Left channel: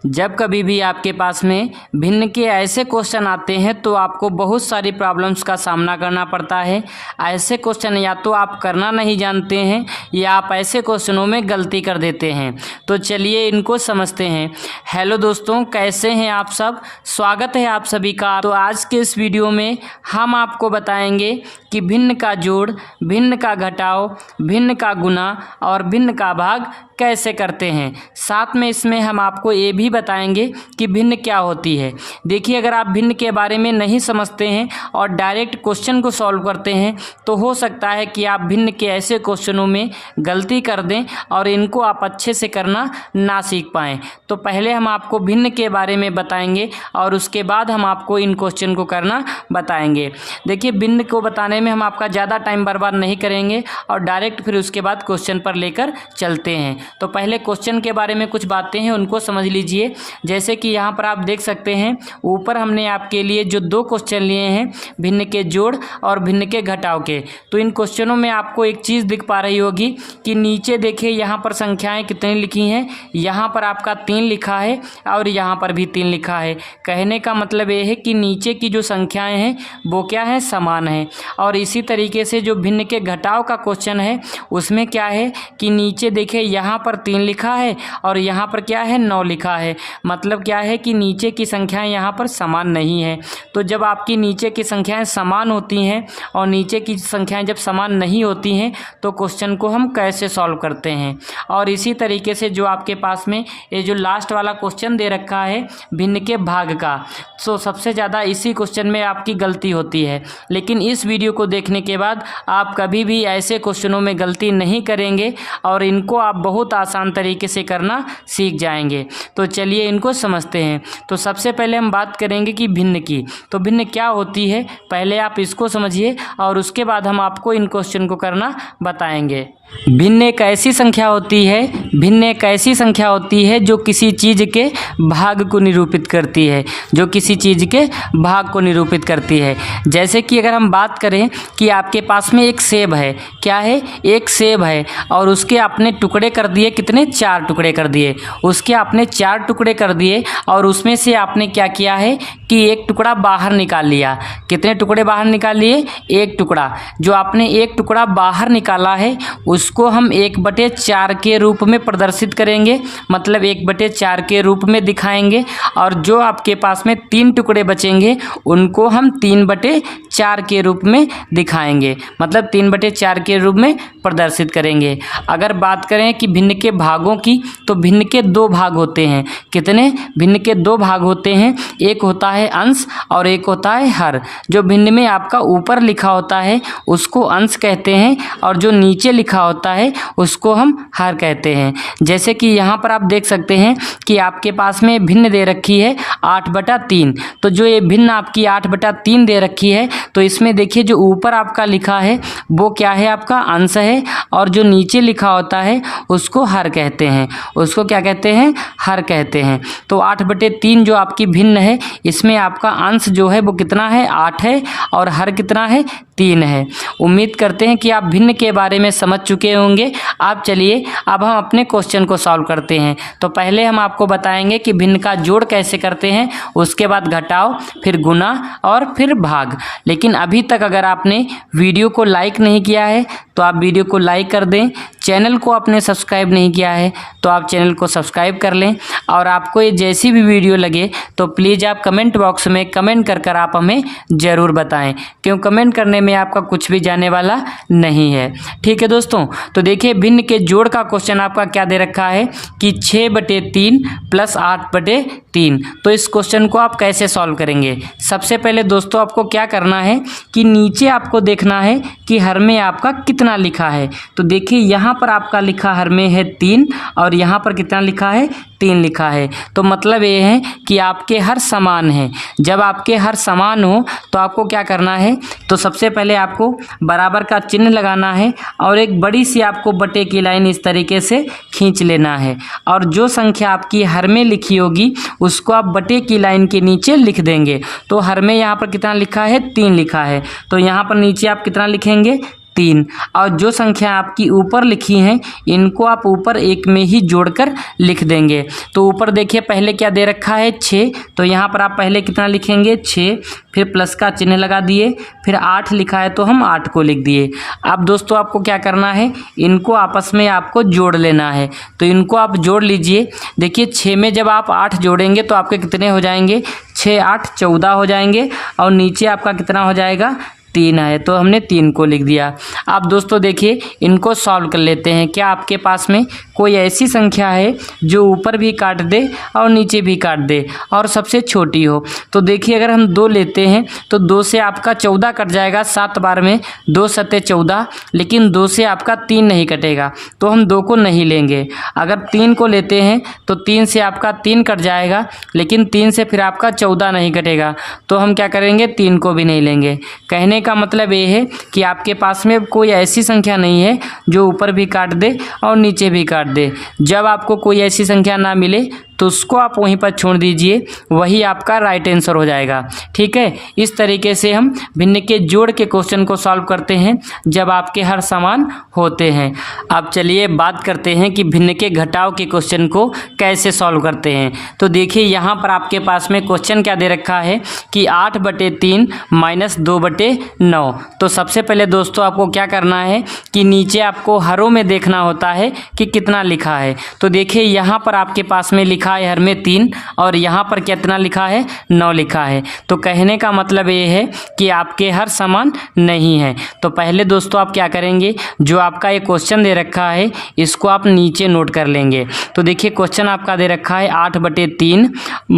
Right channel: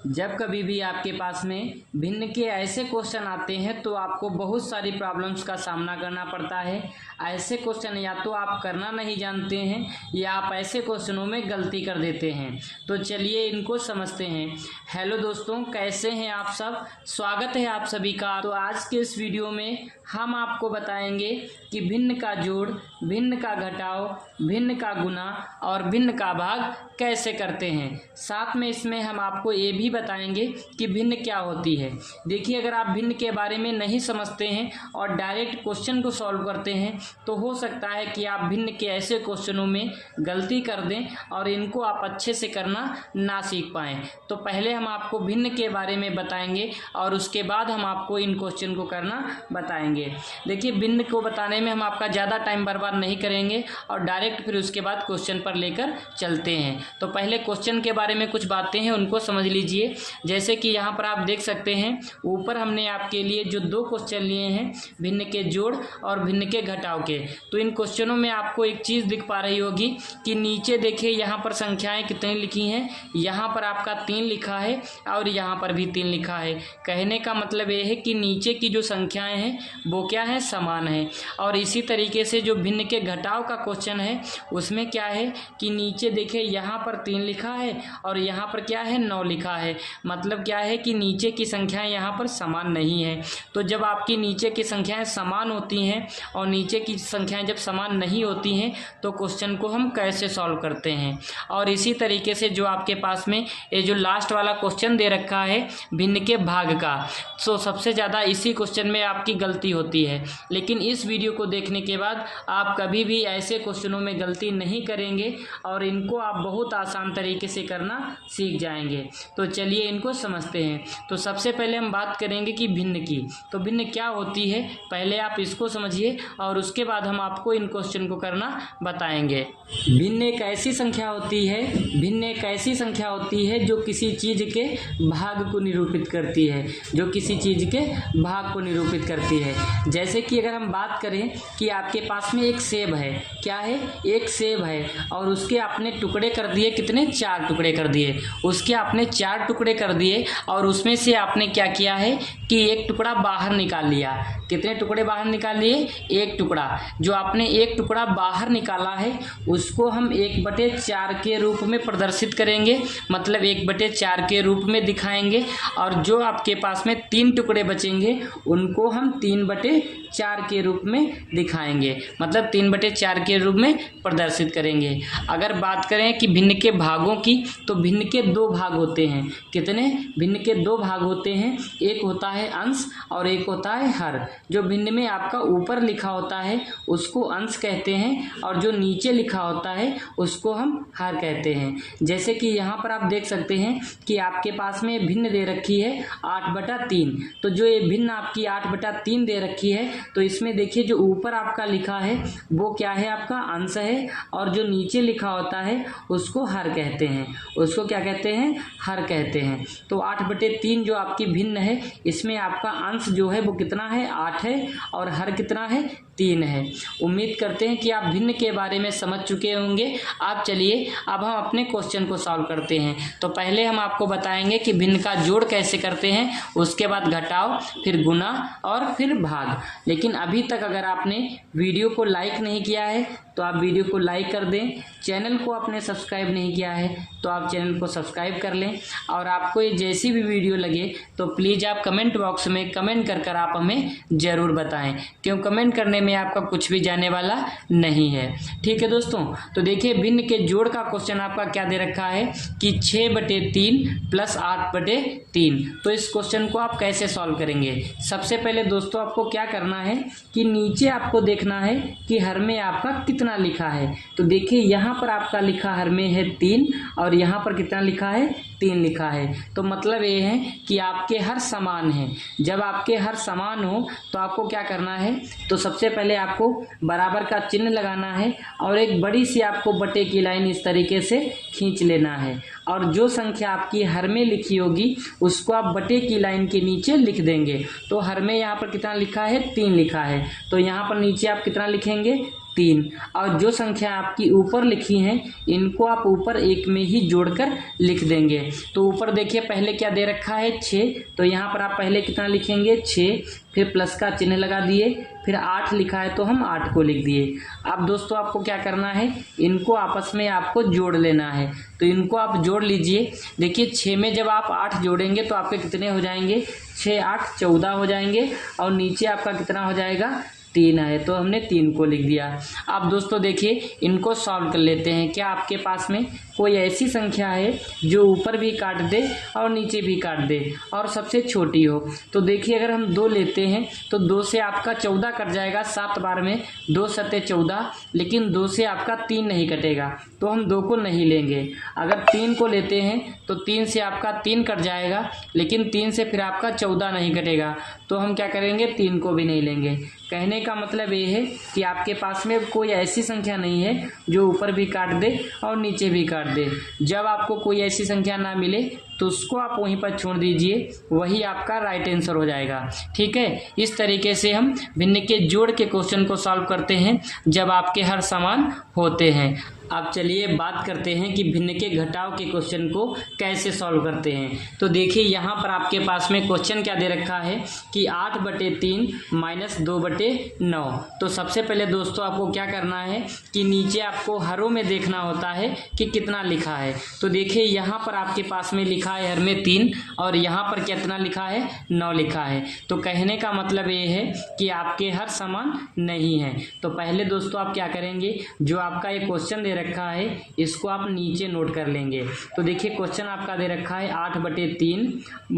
जब कभी भी आपके पास में भिन्न के ऐसे क्वेश्चन आते हैं तो आपको बहुत सारी प्रॉब्लम्स का सामना करना पड़ता है। ऐसे क्वेश्चन या तो आप करना नहीं जानते हैं या आप ऐसे क्वेश्चनों में गलती कर देते हैं। तो चलिए इनको समझते हैं। हेलो दोस्तों, कैसे हैं आप सब? स्वागत है आप सभी का। तो आज के इस वीडियो में हम आपको बताएंगे कि भिन्न का जोड़, भिन्न का घटाव, भिन्न का गुणा और भिन्न का भाग कैसे करते हैं। साथ में इसमें हम आपको ये भी बताएंगे कि भिन्न क्या होती है। देखिए, अगर आप भिन्न के बारे में नहीं समझते हैं और डायरेक्ट क्वेश्चन को सॉल्व करते हैं तो हो सकता है कि आप भिन्न के ऐसे क्वेश्चनों में गलती कर दें और इनको आप अच्छे से करना ना सीख पाएँ। तो पहले हम आपको भिन्न के बारे में बताएंगे और उसके बाद हम आपको इन क्वेश्चन को करना बताएंगे। देखिए, भिन्न को बताने में हम आपका ज़्यादा टाइम बर्बाद नहीं करेंगे और डायरेक्ट फिर उसके बाद क्वेश्चन पर लेकर चलते हैं। तो पहले क्वेश्चन के बारे में कुछ बातें हैं उनको समझ लीजिए। जैसे कि यहाँ पर आप देख सकते हैं, ऊपर हमने आपके लिए जो दो क्वेश्चन लिए हैं, भिन्न के जोड़ और भिन्न के घटाव के। तो इन क्वेश्चनों में आपको एक चीज़ दिख पा रही होगी कि नीचे देखिए यहाँ पर संख्याएं कितनी लिखी हैं। यहाँ पर आपका 3 लिखा है और यहाँ पर भी 3 लिखा है। कहने का मतलब ये है कि नीचे की जो संख्याएँ हैं वो क्या है, समान है। और इसी तरीके से जो भिन्न के घटाव का क्वेश्चन है उसमें क्या है कि नीचे देखिए यहाँ पर 3 लिखा है और यहाँ पर क्या है, 9 लिखा है। मतलब क्या है कि नीचे की संख्याएं यहाँ पर समान नहीं है। तो जब आपकी नीचे की संख्याएं समान होती हैं और नीचे की संख्याएं जब समान नहीं होती हैं तो क्वेश्चन को हम कैसे सॉल्व करते हैं। और इसी तरीके से जो आपके पास में ये जो लास्ट वाला क्वेश्चन दे रखा है भिन्न के भाग का, सो सबसे ज़्यादा इसी क्वेश्चन में आपकी गलती होती है। लेकिन इस वीडियो को देखने के बाद आप कभी भी ऐसे क्वेश्चनों में गलती नहीं करेंगे और इनको आप बहुत आसान तरीके से करना सीख जाएंगे। तो चलिए इनको समझते हैं। तो सबसे पहले हम बात करेंगे कि भिन्न की। तो भिन्न क्या होती है, पहले आप इसको समझिए और उसके बाद हम आपको इन क्वेश्चन को करना बताएंगे। भिन्न एक ऐसी संख्या होती है, भिन्न एक ऐसी संख्या होती है जो किसी चीज़ के भाग को निरूपित करती है, जो किसी चीज़ के भाग को निरूपित करती है। जैसे कि अगर हम बात करें कि आपके पास में एक सेब है, क्या है, एक सेब है और उसके आपने टुकड़े कर दिए, कितने, 4 टुकड़े कर दिए। उसके आपने 4 टुकड़े कर दिए और उसमें से आपने क्या किया है कि एक टुकड़ा बाहर निकाल लिया। कितने टुकड़े बाहर निकाल लिए, एक टुकड़ा। जो आपने एक टुकड़ा बाहर निकाला है उसको हम 1/4 के रूप में प्रदर्शित करेंगे, मतलब 1/4 के रूप में दिखाएंगे। और जो आपके पास में 3 टुकड़े बचेंगे उनको हम 3/4 के रूप में दिखाएंगे, मतलब 3/4 के रूप में प्रदर्शित करेंगे। अगर बात करें कि भिन्न के भागों की, तो भिन्न के 2 भाग होते हैं। कितने, भिन्न के 2 भाग होते हैं। एक होता है अंश और एक होता है हर। जो भिन्न में आपका ऊपर लिखा होता है उसको अंश कहते हैं और जो नीचे लिखा होता है उसको हम हर कहते हैं। जैसे कि यहाँ पर आप देख सकते हैं कि आपके पास में भिन्न दे रखी है 8/3। तो जो ये भिन्न आपकी 8/3 दे रखी है तो इसमें देखिए जो ऊपर आपका लिखा है वो क्या है, आपका अंश है और जो नीचे लिखा होता है उसको हर कहते हैं। उसको क्या कहते हैं, हर कहते हैं। तो 8/3 जो आपकी भिन्न है इसमें आपका अंश जो है वो कितना है, 8 है और हर कितना है, 3 है। उम्मीद करते हैं कि आप भिन्न के बारे में समझ चुके होंगे। आप चलिए अब हम अपने क्वेश्चन को सॉल्व करते हैं। तो पहले हम आपको बताएंगे कि भिन्न का जोड़ कैसे करते हैं, उसके बाद घटाव, फिर गुणा और फिर भाग। लेकिन अभी तक अगर आपने वीडियो को लाइक नहीं किया है तो आप वीडियो को लाइक कर दें। चैनल को आपने सब्सक्राइब नहीं किया है तो आप चैनल को सब्सक्राइब कर लें। और आपको ये जैसी भी वीडियो लगे तो प्लीज़ आप कमेंट बॉक्स में कमेंट कर आप हमें ज़रूर बताएं, क्यों कमेंट करने में आपका कुछ भी जाने वाला नहीं है। ठीक है दोस्तों, तो देखिए भिन्न के जोड़ का क्वेश्चन आपका क्या दे रखा है कि 6/3 + 8/3। तो इस क्वेश्चन को आप कैसे सॉल्व करेंगे। सबसे पहले दोस्तों आपको क्या करना है कि नीचे आपको देखना है कि हर में आपका कितना लिखा है। तो देखिए यहाँ पर आपका लिखा हर में है 3 और यहाँ पर कितना लिखा है, 3 लिखा है। तो मतलब ये है कि आपके हर समान हैं। जब आपके हर समान हो तो आपको क्या करना है, तो सबसे पहले आपको बराबर का चिन्ह लगाना है और एक बड़ी सी आपको बटे की लाइन इस तरीके से खींच लेना है। और जो संख्या आपकी हर में लिखी होगी उसको आप बटे की लाइन के नीचे लिख देंगे। तो हर में यहाँ पर कितना लिखा है, 3 लिखा है। तो यहाँ पर नीचे आप कितना लिखेंगे, 3 और जो संख्या आपकी ऊपर लिखी हैं इनको आप ऊपर एक में ही जोड़कर लिख देंगे। तो ऊपर देखिए पहले क्या दे रखा है 6, तो यहाँ पर आप पहले कितना लिखेंगे 6, फिर प्लस का चिन्ह लगा दिए, फिर 8 लिखा है तो हम 8 को लिख दिए। अब दोस्तों आपको क्या करना है, इनको आपस में आपको जोड़ लेना है। तो इनको आप जोड़ लीजिए। देखिए 6 में जब आप 8 जोड़ेंगे तो आपके कितने हो जाएंगे, 6 8 14 हो जाएंगे और नीचे आपका कितना हो जाएगा 3 है, तो हमने 3 को लिख दिया। अब दोस्तों देखिए इनको सॉल्व कर लेते हैं। क्या आपके पास में कोई ऐसी संख्या है जो ऊपर भी काट दे और नीचे भी काट दे और सबसे छोटी हो? तो देखिए अगर हम 2 लेते हैं तो 2 से आपका 14 कट जाएगा 7 बार में, 2 सत्ते 14, लेकिन 2 से आपका 3 नहीं कटेगा तो हम 2 को नहीं लेंगे। अगर 3 को लेते हैं तो 3 से आपका 3 कट जाएगा, लेकिन 3 से फिर आपका 14 नहीं कटेगा तो हम क्या करेंगे, 3 को भी नहीं लेंगे। कहने का मतलब ये है कि आपके पास में कोई ऐसी संख्या नहीं है जो ऊपर भी काट दे और नीचे भी काट दे। जब आपको कोई ऐसी संख्या ना मिले तो उसको आप वहीं पर छोड़ दीजिए, वही आपका राइट आंसर हो जाएगा। ठीक है, इस तरीके से हम भिन्न के जोड़ के क्वेश्चन को सॉल्व करते हैं जब आपके हर समान होते हैं। अब चलिए बात करते हैं कि भिन्न के घटाव के क्वेश्चन को कैसे सॉल्व करते हैं। तो देखिए यहाँ पर आपके पास में क्वेश्चन क्या दे रखा है कि 8/3 - 2/9। तो सबसे पहले दोस्तों आपको क्या करना है कि नीचे आपको हरों में देखना होता है कि कितना लिखा है। तो देखिए यहाँ पर आपके पास में लिखा है हर में 3 और यहाँ पर कितना लिखा है 9 लिखा है। तो कहने का मतलब ये है कि आपके हर समान नहीं है। तो पहले दोस्तों आप क्या करेंगे, जो आपका ये क्वेश्चन दे रखा है इसको आप नीचे नोट कर लेंगे। तो देखिए क्वेश्चन आपका दे रखा है 8/3 -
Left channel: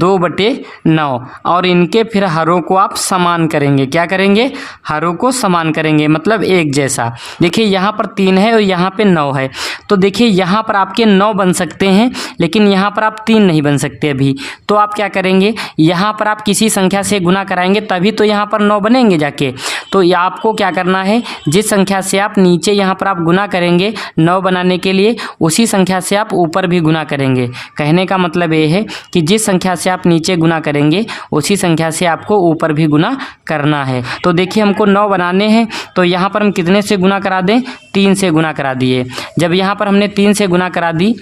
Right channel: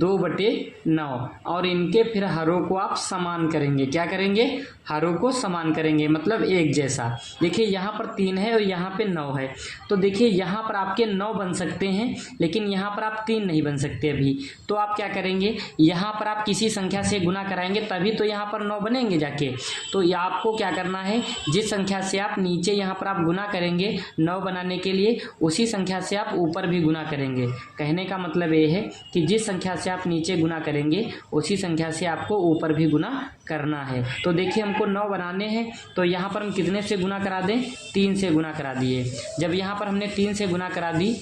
2/9 और इनके फिर हरों को आप समान करेंगे। क्या करेंगे, हरों को समान करेंगे, मतलब एक जैसा। देखिए यहाँ पर 3 है और यहाँ पे 9 है। तो देखिए यहाँ पर आपके 9 बन सकते हैं लेकिन यहाँ पर आप 3 नहीं बन सकते अभी। तो आप क्या करेंगे, यहाँ पर आप किसी संख्या से गुना कराएंगे तभी तो यहाँ पर 9 बनेंगे जाके। तो आपको क्या करना है, जिस संख्या से आप नीचे यहाँ पर आप गुना करेंगे 9 बनाने के लिए, उसी संख्या से आप ऊपर भी गुना करेंगे। कहने का मतलब ये है कि जिस संख्या से आप नीचे गुना करेंगे उसी संख्या से आपको ऊपर भी गुना करना है। तो देखिए हमको 9 बनाने हैं तो यहाँ पर हम कितने से गुना करा दें, 3 से गुना करा दिए। जब यहाँ पर हमने 3 से गुना करा दी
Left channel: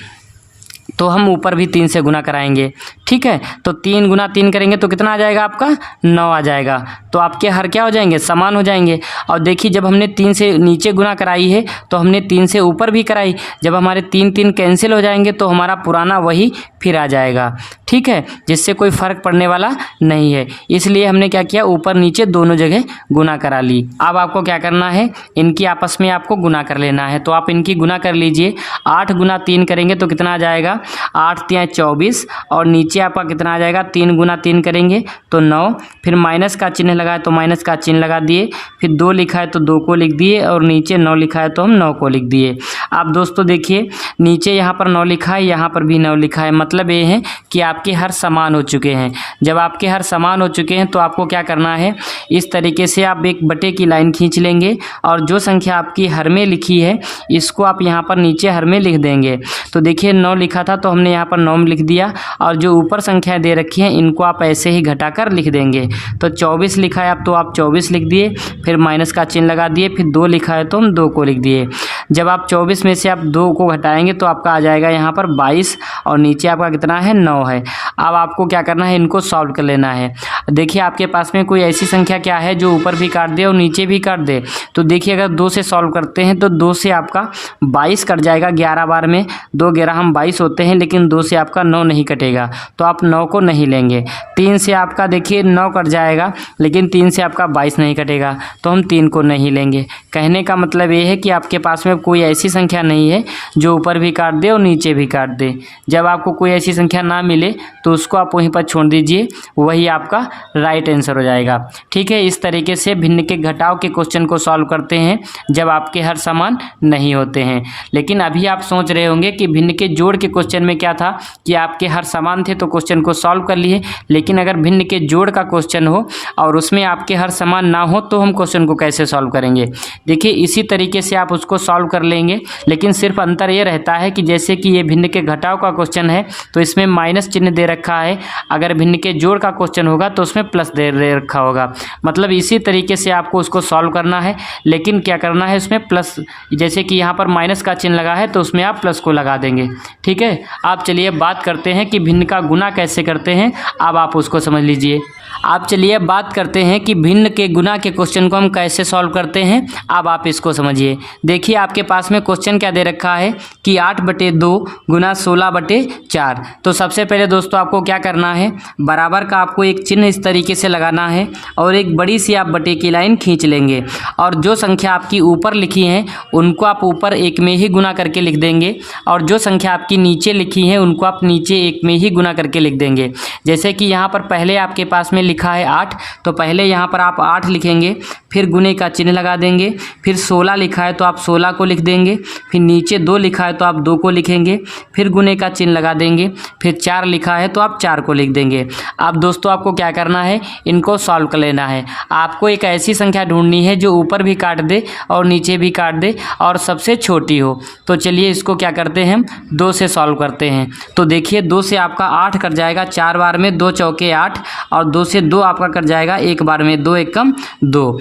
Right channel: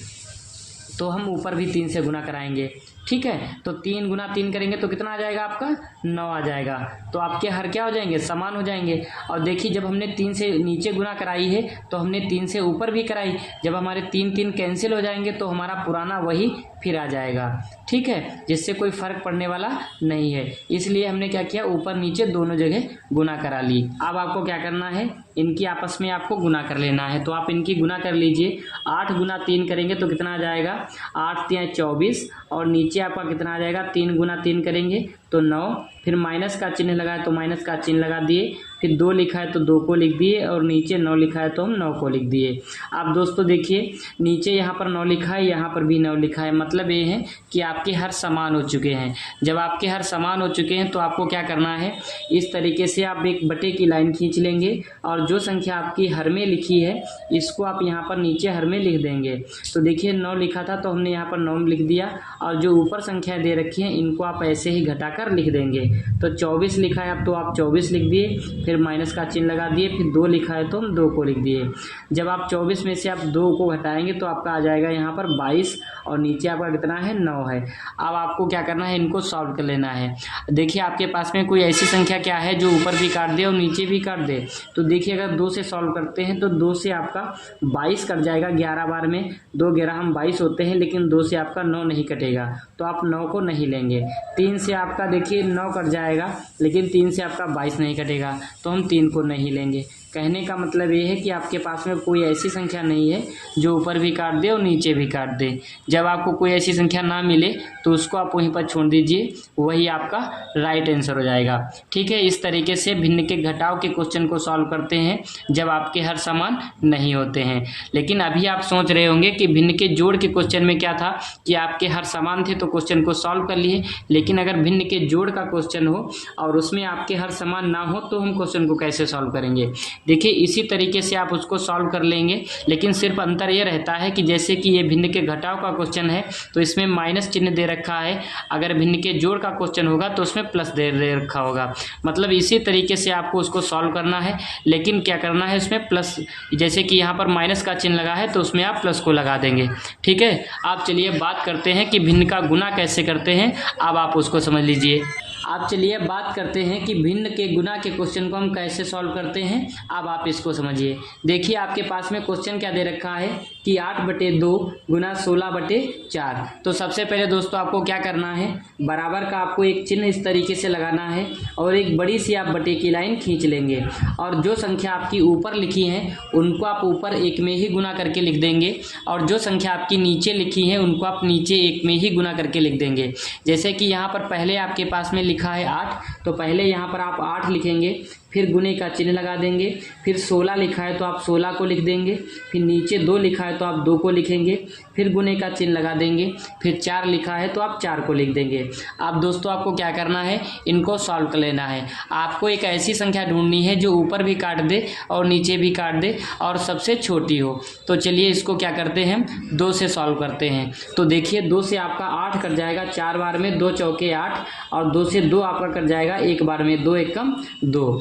तो हम ऊपर भी 3 से गुना कराएंगे। ठीक है, तो 3 × 3 करेंगे तो कितना आ जाएगा आपका 9 आ जाएगा। तो आपके हर क्या हो जाएंगे, समान हो जाएंगे। और देखिए जब हमने 3 से नीचे गुना कराई है तो हमने 3 से ऊपर भी कराई। जब हमारे 3 कैंसिल हो जाएंगे तो हमारा पुराना वही फिर आ जाएगा। ठीक है, जिससे कोई फ़र्क पड़ने वाला नहीं है, इसलिए हमने क्या किया, ऊपर नीचे दोनों जगह गुना करा ली। अब आपको क्या करना है, इनकी आपस में आपको गुना कर लेना है। तो आप इनकी गुना कर लीजिए। 8 × 3 करेंगे तो कितना आ जाएगा, 8 × 3 = 24 और नीचे आपका कितना आ जाएगा, 3 × 3 करेंगे तो 9, फिर माइनस का चिन्ह लगाए तो माइनस का चिन्ह लगा दिए, फिर 2 लिखा है तो 2 को लिख दिए और नीचे 9 लिखा है तो हम 9 को लिख दिए। अब दोस्तों देखिए नीचे यहाँ पर 9 लिखा है, यहाँ पर भी 9 लिखा है, मतलब ये है कि आपके हर समान हो चुके हैं। जब आपके हर समान हो चुके हैं तो आपको क्या करना है, इस तरीके से आप एक बटे की लाइन खींच लेंगे और जो संख्या आपकी हर में लिखी है इसको आप यहाँ पर नीचे हर में लिख देंगे। तो देखिए 9 लिखा था तो हमने यहाँ पर 9 लिख दिया और जो ऊपर संख्या दे रखी है इनको आप ऐसे ही घटाकर लिख देंगे। तो 24 लिखा है अब तो आप 24 लिख दिए, फिर माइनस का चिन्ह लगा दिए, फिर 2 लिखा है तो हम 2 को लिख दिए। जब आप 24 में से आप 2 को घटाएंगे तो आपका आ जाएगा यहाँ पर 22 और नीचे आपका कितना है 9 है। अब आपको क्या करना है, इनको सॉल्व कर लेना है। देखिए आपके पास में कोई ऐसी संख्या क्या है जो ऊपर भी काट दे और नीचे भी काट दे। तो देखिए अगर 2 से सॉल्व करते हैं तो 2 से आपका 22 कट जाएगा 11 बार में, 2 11 हम 22 होते हैं, लेकिन 2 से आपका 9 नहीं कटेगा तो आप 9 को नहीं लेंगे। 3 से आपका देखिए 9 कट जाएगा लेकिन 3 से आपका 22 नहीं कटेगा तो हम 3 को नहीं लेंगे। कहने का मतलब ये है कि आपके पास में कोई ऐसी संख्या नहीं है जो ऊपर भी काट दे और नीचे भी काट दे। जब आपको कोई ऐसी संख्या ना मिले तो उसको आप वहीं पर छोड़ दीजिए, वही आपका राइट आंसर हो जाएगा। ठीक है, इस तरीके से भिन्न के घटाव के क्वेश्चन को सॉल्व करते हैं जब आपके हर समान नहीं होते हैं। लेकिन अभी आप सोच रहे होंगे कि भिन्न के जोड़ के क्वेश्चन में क्या था कि आपके हर समान थे तो तो क्वेश्चन को सॉल्व कर लिए, लेकिन अगर भिन्न के जोड़ का क्वेश्चन हो और उसमें आपके हर समान ना हो तो हम क्वेश्चन को कैसे सॉल्व करेंगे। देखिए इसी तरीके से आप उसको सॉल्व कर लेंगे, लेकिन सिर्फ अंतर ये रहता है कि जैसे कि ये भिन्न के घटाव का क्वेश्चन है तो इसमें माइनस चिन्ह दे रखा है, अगर भिन्न के जोड़ का क्वेश्चन होगा तो उसमें प्लस दे रखा होगा। मतलब इसी तरीके से आपको उसको सॉल्व करना है, लेकिन क्या करना है उसमें प्लस, जैसे कि यहाँ पर माइनस का चिन्ह लगा है तो उसमें आप प्लस को लगा देंगे। ठीक है, आप चलिए बात करते हैं कि भिन्न का गुना कैसे करते हैं, अब आप उसको समझ लीजिए। आप चलिए बात करते हैं कि भिन्न के गुना के क्वेश्चन को हम कैसे सॉल्व करते हैं, अब आप इसको समझिए। देखिए आपके पास में क्वेश्चन क्या दे रखा है कि 8/2 गुना 16/4। तो सबसे पहले दोस्तों आपको क्या करना है, बराबर का आपको एक चिन्ह इस तरीके से लगाना है और एक बड़ी सी आप बटे की लाइन खींच लेंगे और जो संख्या आपकी ऊपर लिखी है उनको आप ऊपर एक में ही गुना करके लिख देंगे और जो संख्या आपकी नीचे लिखी है उनको आप नीचे एक में ही गुना करके लिख देंगे। जैसे कि यहाँ पर पहले आपके पास में लिखा है 8, तो पहले यहाँ पर आप 8 लिखेंगे, फिर गुने का चिन्ह लगा देंगे, फिर 16 लिखा है तो आप 16 को लिख देंगे, फिर नीचे 2 लिखा है तो आप 2 को लिखेंगे, फिर गुने का चिन्ह लगा देंगे, फिर 4 लिखा है तो आप 4 को लिख देंगे। अब दोस्तों आपको क्या करना है, इनको सॉल्व कर लेना है। आपको एक ऐसी संख्या ढूंढनी है जो ऊपर भी काट दे और नीचे भी काट दे और सबसे छोटी हो। तो चलिए इसको क्या करते हैं, 2 से सॉल्व करते हैं। तो देखिए 2 से आपका 8 कट जाएगा 4 बार में, 2 चौके 8, और 2 से 2 आपका कट जाएगा 1 बार में, 2 एकम 2।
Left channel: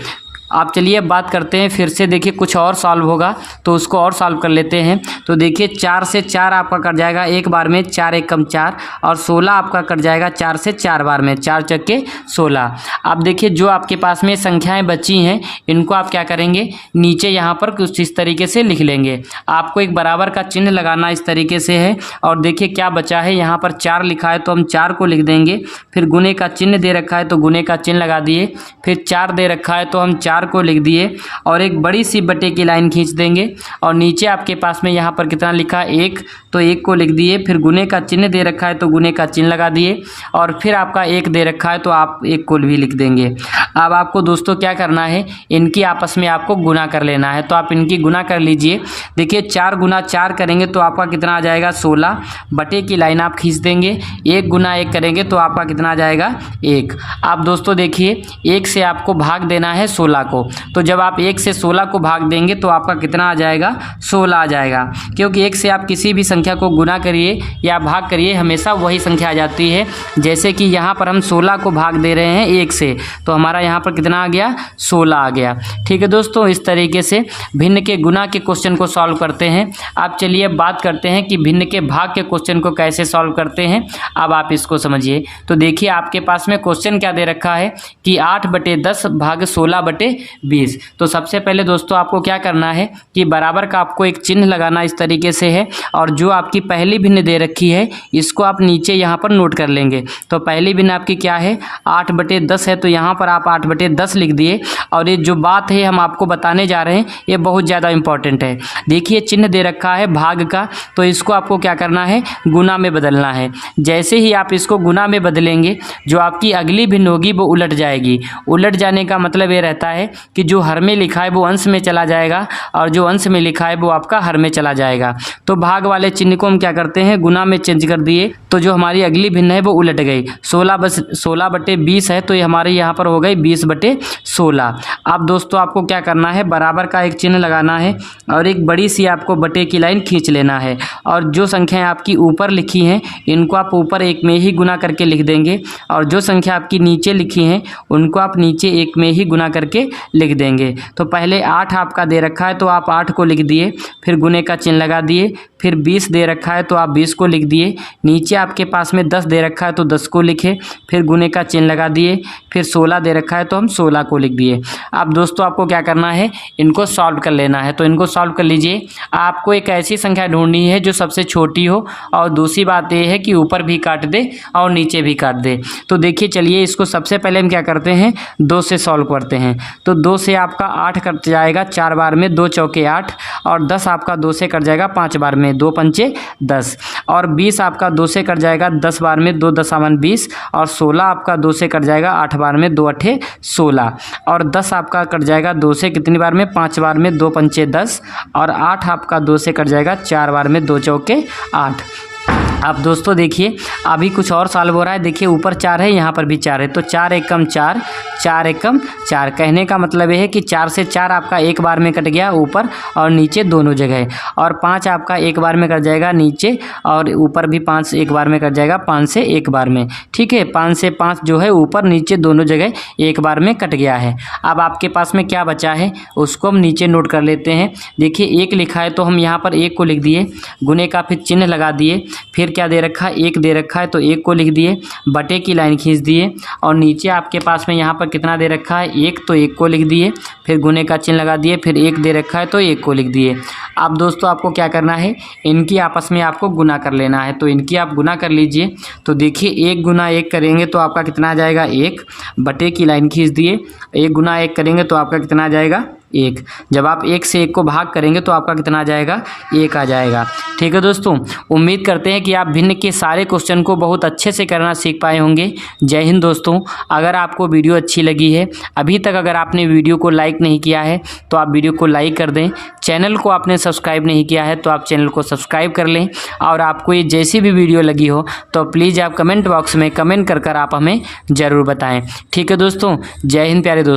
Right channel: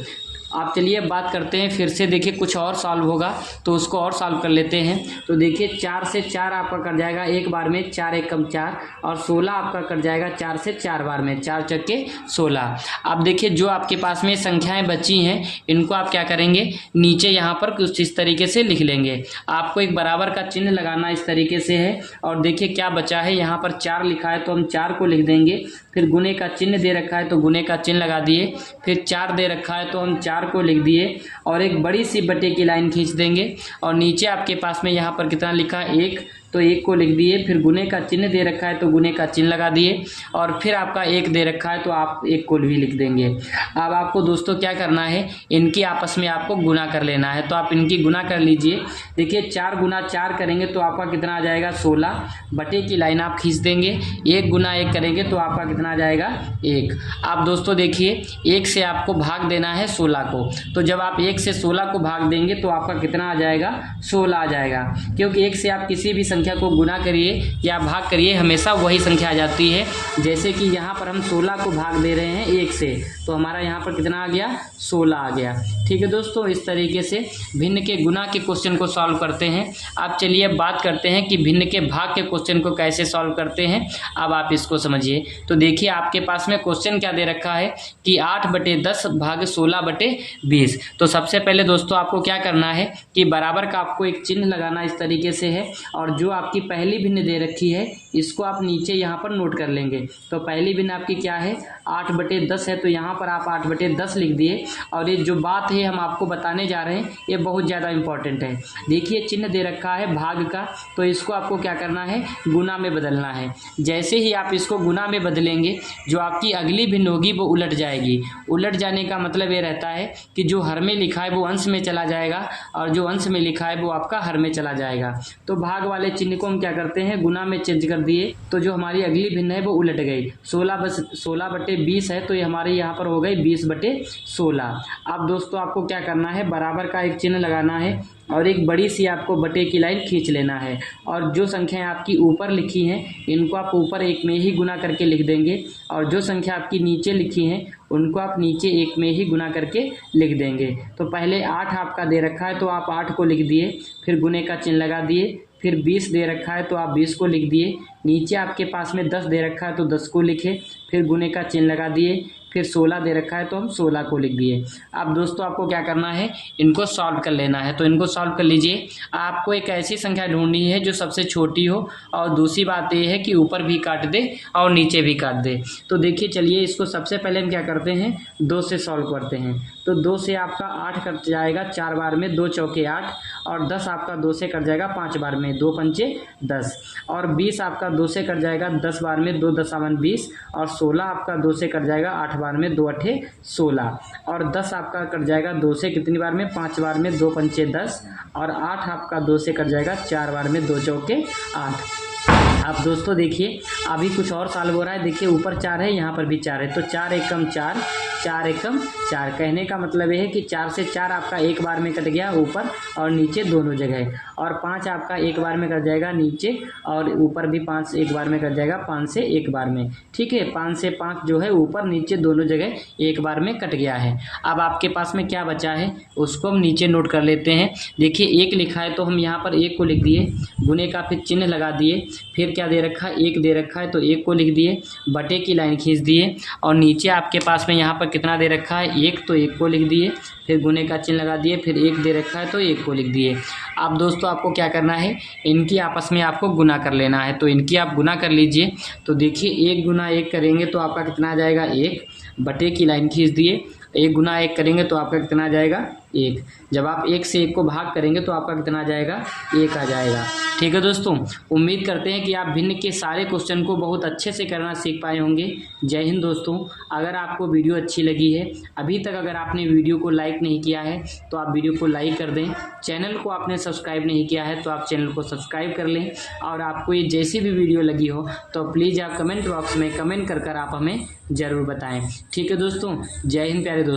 आप चलिए बात करते हैं फिर से, देखिए कुछ और सॉल्व होगा तो उसको और सॉल्व कर लेते हैं। तो देखिए 4 से 4 आपका कट जाएगा 1 बार में, 4 एकम 4, और 16 आपका कट जाएगा 4 से 4 बार में, 4 चक्के 16। अब देखिए जो आपके पास में संख्याएं बची हैं इनको आप क्या करेंगे, नीचे यहाँ पर कुछ इस तरीके से लिख लेंगे। आपको एक बराबर का चिन्ह लगाना इस तरीके से है, और देखिए क्या बचा है, यहाँ पर 4 लिखा है तो हम 4 को लिख देंगे, फिर गुने का चिन्ह दे रखा है तो गुने का चिन्ह लगा दिए, फिर 4 दे रखा है तो हम 4 को लिख दिए और एक बड़ी सी बटे की लाइन खींच देंगे, और नीचे आपके पास में यहाँ पर कितना लिखा है 1, तो 1 को लिख दिए, फिर गुने का चिन्ह दे रखा है तो गुने का चिन्ह लगा दिए, और फिर आपका 1 दे रखा है तो आप 1 को भी लिख देंगे। अब आपको दोस्तों क्या करना है, इनकी आपस में आपको गुना कर लेना है। तो आप इनकी गुना कर लीजिए। देखिए 4 गुना 4 करेंगे तो आपका कितना आ जाएगा 16, बटे की लाइन आप खींच देंगे, 1 गुना 1 करेंगे तो आपका कितना आ जाएगा 1। आप दोस्तों देखिए 1 से आपको भाग देना है 16 को, तो जब आप 1 से 16 को भाग देंगे तो आपका कितना आ जाएगा 16 आ जाएगा, क्योंकि 1 से आप किसी भी संख्या को गुना करिए या भाग करिए हमेशा वही संख्या आ जाती है। जैसे कि यहाँ पर हम 16 को भाग दे रहे हैं 1 से, तो हमारा यहाँ पर कितना आ गया 16 आ गया। ठीक है दोस्तों, इस तरीके से भिन्न के गुना के क्वेश्चन को सॉल्व करते हैं। आप चलिए बात करते हैं कि भिन्न के भाग के क्वेश्चन को कैसे सॉल्व करते हैं, अब आप इसको समझिए। तो देखिए आपके पास में क्वेश्चन क्या दे रखा है कि 8/10 भाग 16/20। तो सबसे पहले दोस्तों आपको क्या करना है कि बराबर का आपको एक चिन्ह लगाना इस तरीके से है, और जो आपकी पहली भिन्न दे रखी है इसको आप नीचे यहाँ पर नोट कर लेंगे। तो पहली भिन्न आपकी क्या है 8/10 है, तो यहाँ पर आप 8/10 लिख दिए। और ये जो बात है हम आपको बताने जा रहे हैं ये बहुत ज़्यादा इंपॉर्टेंट है। देखिए चिन्ह दे रखा है भाग का, तो इसको आपको क्या करना है गुना में बदलना है। जैसे ही आप इसको गुना में बदलेंगे जो आपकी अगली भिन्न होगी वो उलट जाएगी। उलट जाने का मतलब ये रहता है कि जो हर में लिखा है वो अंश में चला जाएगा और जो अंश में लिखा है वो आपका हर में चला जाएगा। तो भाग वाले चिन्ह को हम क्या करते हैं गुना में चेंज कर दिए, तो जो हमारी अगली भिन्न है वो उलट गई। 16/20 है तो ये हमारे यहाँ पर हो गई 20/16। अब दोस्तों आपको क्या करना है बराबर का एक चिन्ह लगाना है और एक बड़ी सी आपको बटे की लाइन खींच लेना है, और जो संख्याएं आपकी ऊपर लिखी हैं इनको आप ऊपर एक में ही गुना करके लिख देंगे, और जो संख्या आपकी नीचे लिखी हैं उनको आप नीचे एक में ही गुना करके लिख देंगे। तो पहले 8 आपका दे रखा है तो आप 8 को लिख दिए, फिर गुने का चिन्ह लगा दिए, फिर 20 दे रखा है तो आप 20 को लिख दिए, नीचे आपके पास में 10 दे रखा है तो 10 को लिखे, फिर गुने का चिन्ह लगा दिए, फिर 16 दे रखा है तो हम 16 को लिख दिए। अब दोस्तों आपको क्या करना है इनको सॉल्व कर लेना है। तो इनको सॉल्व कर लीजिए। आपको एक ऐसी संख्या ढूंढनी है जो सबसे छोटी हो, और दूसरी बात यह है कि ऊपर भी काट दे और नीचे भी काट दे। तो देखिए चलिए इसको सबसे पहले हम क्या करते हैं 2 से सॉल्व करते हैं। तो 2 से आपका 8 कट जाएगा 4 बार में, 2 चौके 8, और 10 आपका 2 से कट जाएगा 5 बार में, 2 पंचे 10, और 20 आपका 2 से कट जाएगा 10 बार में, 2 दशावन 20, और 16 आपका 2 से कट जाएगा 8 बार में, 2 अठे 16, और 10 आपका कट जाएगा 2 से कितनी बार में 5 बार में, 2 पंचे 10, और 8 आपका 2 से कट जाएगा 4 बार में, 2 चौके 8। अब दोस्तों देखिए अभी कुछ और सॉल्व हो रहा है। देखिए ऊपर 4 है, यहाँ पर भी 4 है, तो 4 एकम 4, 4 एकम 4। कहने का मतलब ये है कि 4 से 4 आपका एक बार में कट गया ऊपर और नीचे दोनों जगह, और 5 आपका एक बार में कट जाएगा नीचे और ऊपर भी 5 एक बार में कट जाएगा, 5 से एक बार में। ठीक है, 5 से 5 जो है ऊपर नीचे दोनों जगह एक बार में कट गया है। अब आपके पास में क्या बचा है उसको हम नीचे नोट कर लेते हैं। देखिए 1 लिखा है तो हम यहाँ पर 1 को लिख दिए, गुने का फिर चिन्ह लगा दिए, फिर क्या दे रखा है 1 दे रखा है तो 1 को लिख दिए, बटे की लाइन खींच दिए, और नीचे आपके पास में यहाँ पर कितना दे रखा है 1 तो 1 को लिख दिए, फिर गुने का चिन्ह लगा दिए, फिर 1 दे रखा है तो 1 को लिख दिए। अब दोस्तों आपको क्या करना है, इनकी आपस में आपको गुना कर लेना है, तो इनकी आप गुना कर लीजिए। तो देखिए 1 गुना 1 करेंगे तो आपका कितना आ जाएगा 1, बटे की लाइन खींच दिए, 1 गुना 1 करेंगे तो आपका कितना आ जाएगा 1। जब आप 1 से 1 को भाग करेंगे तो आपका कितना आ जाएगा 1 आ जाएगा। ठीक है दोस्तों, उम्मीद करते हैं कि आप भिन्न के सारे क्वेश्चन को बहुत अच्छे से करना सीख पाए होंगे। जय हिंद दोस्तों। अगर आपको वीडियो अच्छी लगी है, अभी तक अगर आपने वीडियो को लाइक नहीं किया है तो आप वीडियो को लाइक कर दें, चैनल को आपने सब्सक्राइब नहीं किया है तो आप चैनल को सब्सक्राइब कर लें, और आपको ये जैसी भी वीडियो लगी हो तो प्लीज़ आप कमेंट बॉक्स में कमेंट कर आप हमें ज़रूर बताएँ। ठीक है दोस्तों, जय हिंद प्यारे दोस्तों।